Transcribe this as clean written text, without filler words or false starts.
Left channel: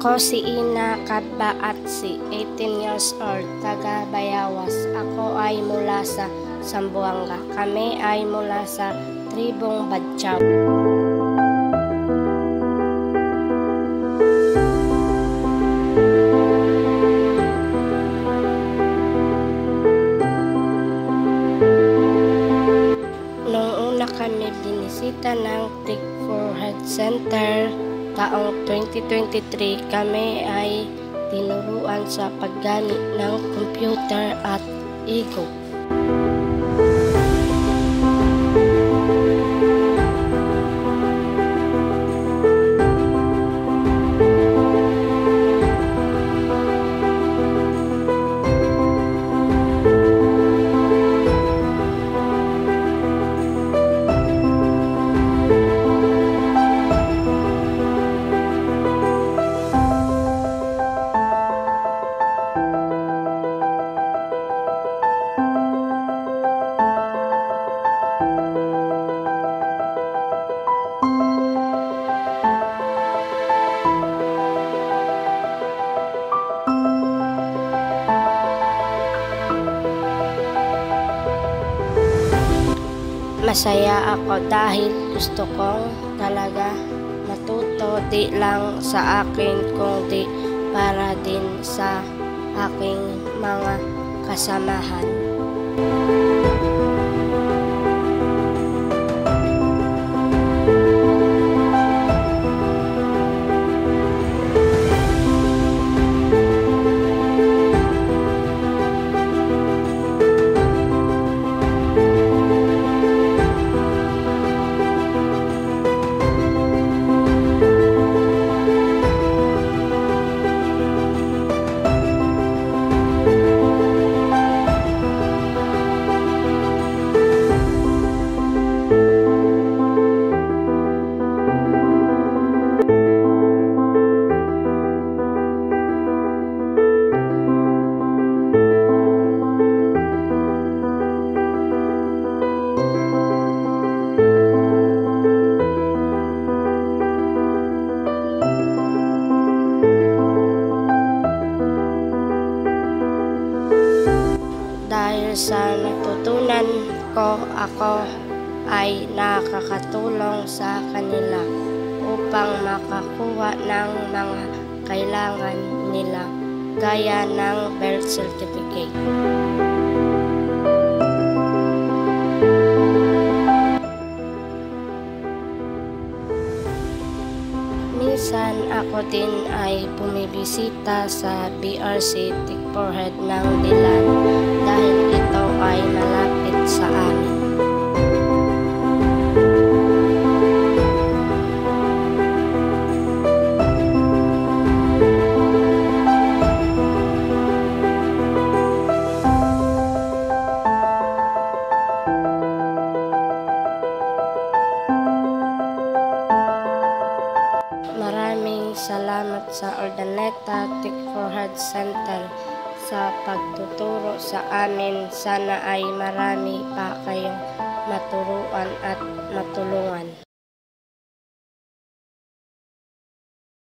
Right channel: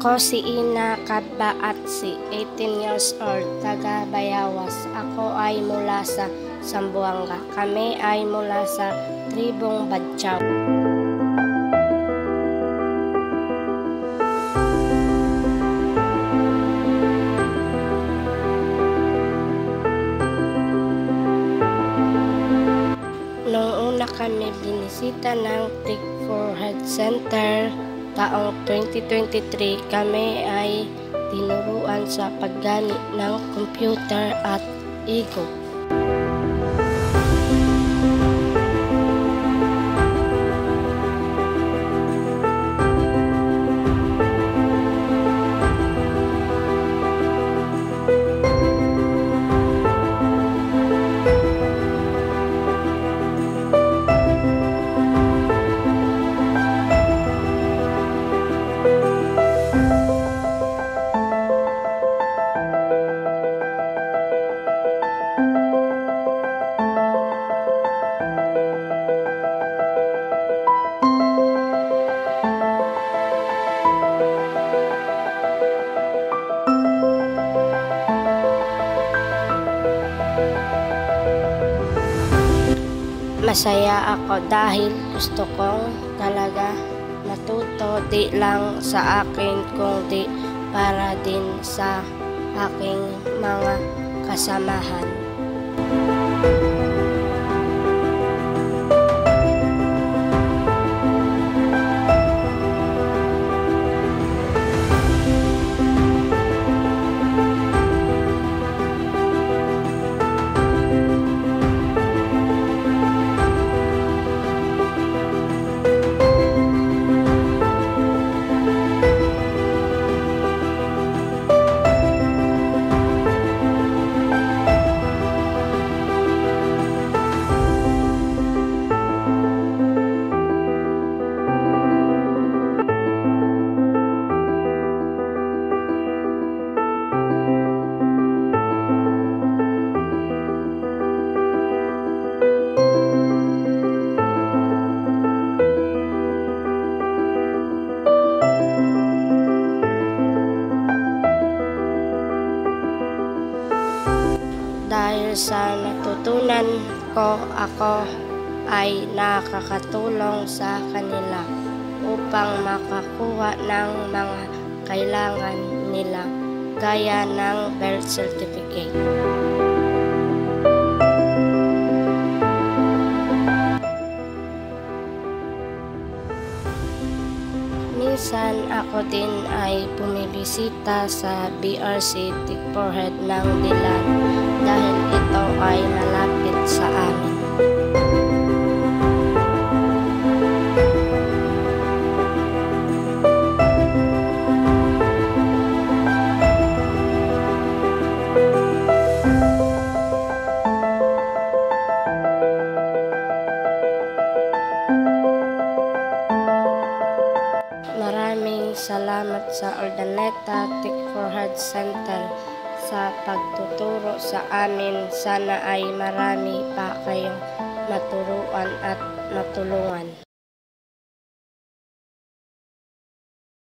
Ako si Ina Kadbaatsi, 18 years old, taga Bayawas. Ako ay mula sa Zamboanga. Kami ay mula sa tribong Badyaw. Noong una kami binisita ng Tick Forehead Center, taong 2023, kami ay tinuruan sa paggamit ng computer at e-book. Masaya ako dahil gusto kong talaga matuto, di lang sa akin kundi para din sa aking mga kasamahan. Dahil sa natutunan ko, ako ay nakakatulong sa kanila upang makakuha ng mga kailangan nila gaya ng birth certificate. Minsan ako din ay bumibisita sa BRC Tick Forehead ng Dilan dahil ito ay malapit sa amin. Maraming salamat sa Urdaneta Tick Forehead Center sa pagtuturo sa amin. Sana ay marami pa kayong maturuan at matulungan.